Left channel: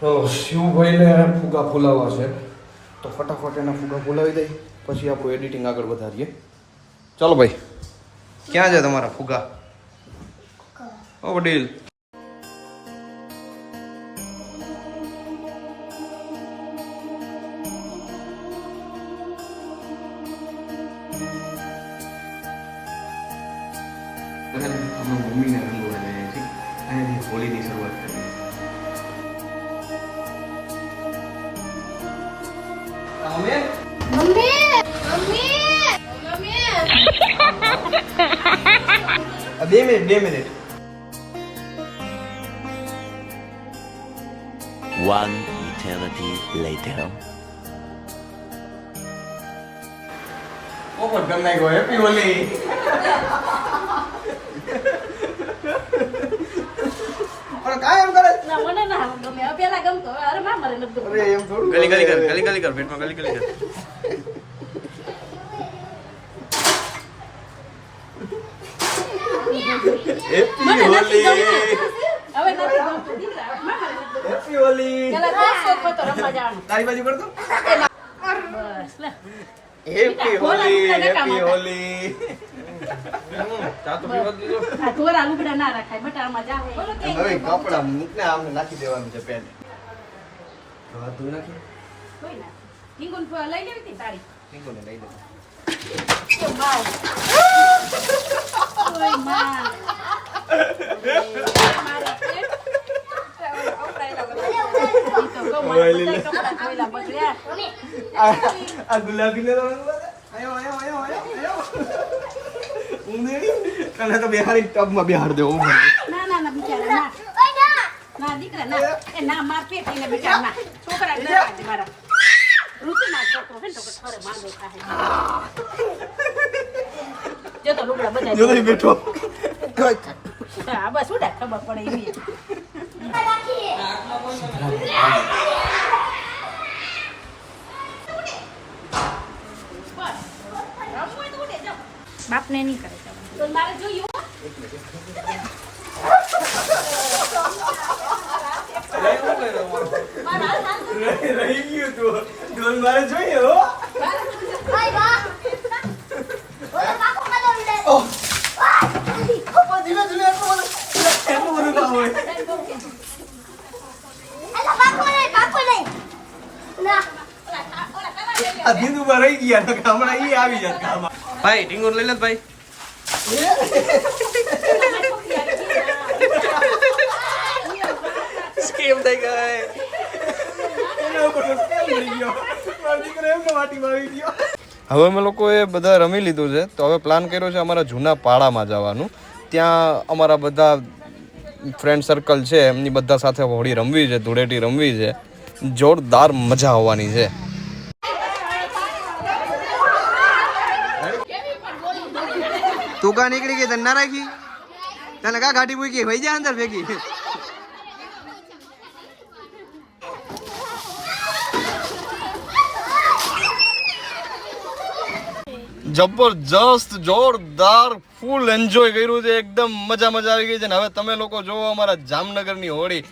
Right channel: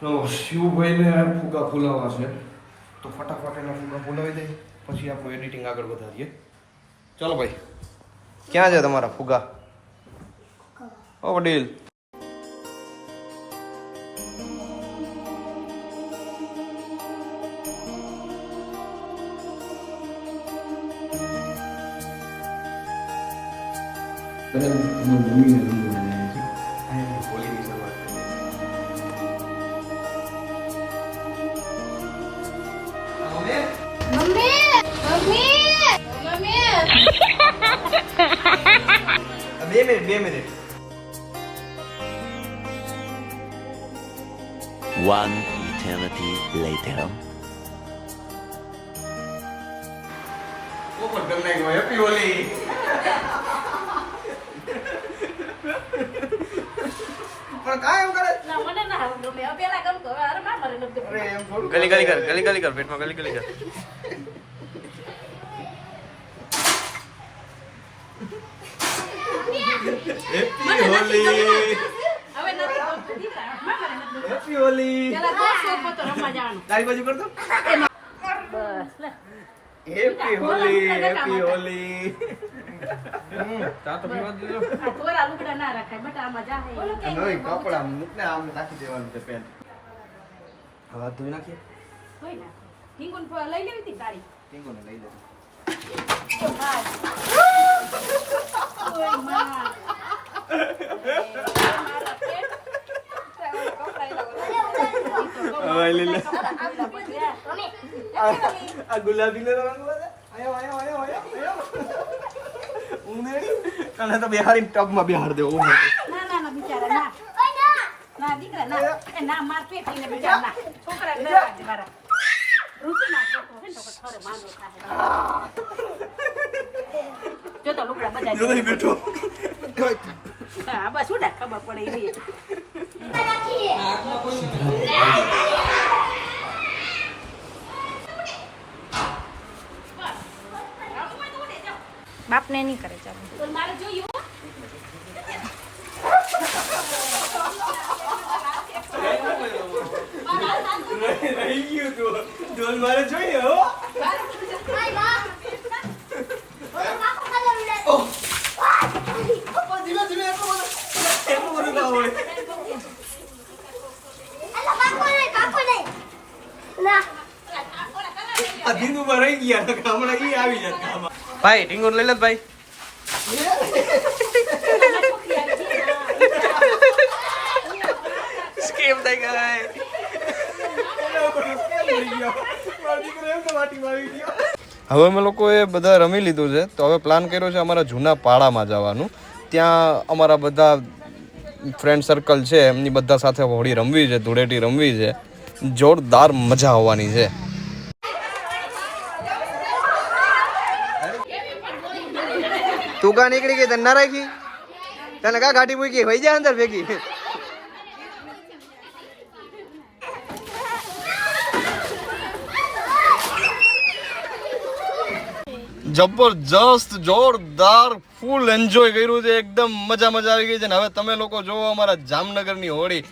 તો શિવભાઈને ફુગા ફૂલાવવા છે તો ફટાફટ એના ફુગા ફૂલાવી દઈ પછી આપણું એડિટિંગ આગળ વધારીએ. ચાલો ભાઈ, ક્યાં છે તમારા ફુગા? ઓ વડીલ, મમ્મીને રંગો બનાવ્યા છે અને હોળીની શરૂઆત કરી. બે મિનિટ. One eternity later. પોપટ કરી નાખ્યો. હેપી હોલી. કાયમ કરે મને ના ગમે પેલા ગમતો અરે ના મરે નથી અરે એમ થોડું ગલી કર પેટમાં ગલી કર. હેપી હોલી. હવે નથી ગમતો દીકરા ના મરે નથી હેપી હોલી. પેલા દોસ્તો તો રમવા જવાનું તારી બાજુ કરતો. બસ લે હેપી હોલી. હેપી હોલી. ચા તો પીવા દીધો. આ થોરા લુગડા ના રાખાય બટામાં જાવ નવી કપડા મૂકને આમને નાખી દેવાનું છે પેન. હવે ધોઈ નાખીએ. કોઈ ના હિંગુન લઈ લેવી હતી તારી ટીંગોને લઈ લે. વાવ ઓય માં આ ગુલાબી ને તો આયો ઊંધેડી તને તો બિહારી ટબમાં બિહાર દેવું ઊંધે. ના બિચારા ના દીકરા ના એ ના માર પેટીને બિચારા ના છોકરા ના મારા ઋતુ ના છોકરો હે તો ખરે માંગે થાય જો તો લુગડા બધા જો નહીં બેઠો. હા બસ ઉડા ખબર પડે એવી બાપને નહીં કરે ચાલો તો મારે જોયું રહી ગયું તું. તું મારે જોઈએ હો. ધીમે ધીમે એટલું બધું ના હોય. આ ધીંદુમાં રહી ગયા તો હમણાં ઈ આવી જાય કામમાં. ભાઈ ટીંગોર લઈ લે ભાઈ. સ્કેમ થઈ ગઈ. હવે અમે લોકોએ બધા રમી લીધું છે તો હવે પ્લાન કર્યો છે અમારા જૂના પાડામાં જવાનું. ત્યાં અમારા બધા ફ્રેન્ડ સર્કલ છે એમની બધા સાથે હોળી રમવી છે, ધૂળેટી રમવી છે. જોરદાર મજા આવવાની છે. તું કા નીકળી ગઈ તને ના રાખી? તને કા ગાડી મૂકી વહી જા અંદર ભેગી. જબરજસ્ત જોરદાર ફૂલ એન્જોય કર્યું છે. એકદમ મજા આવી ગઈ છે ને હવે તમે લોકો જોવો અમારા જામનગરની હોળી,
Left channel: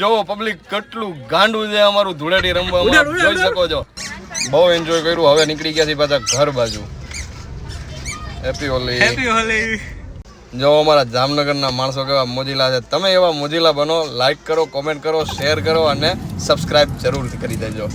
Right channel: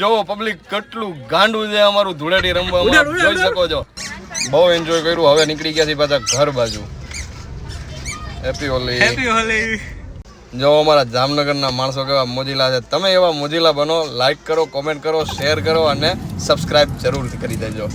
જોવો પબ્લિક કેટલું ગાંડું છે અમારું ધૂળેટી રમવામાં, જોઈ શકો છો. બહુ એન્જોય કર્યું. હવે નીકળી ગયા છે પાછા ઘર બાજુ. હેપી હોલી. હેપી હોલી. જો અમારા જામનગરના માણસો કેવા મોજીલા છે. તમે એવા મોજીલા બનો. લાઈક કરો, કોમેન્ટ કરો, શેર કરો અને સબસ્ક્રાઇબ જરૂરથી કરી દેજો.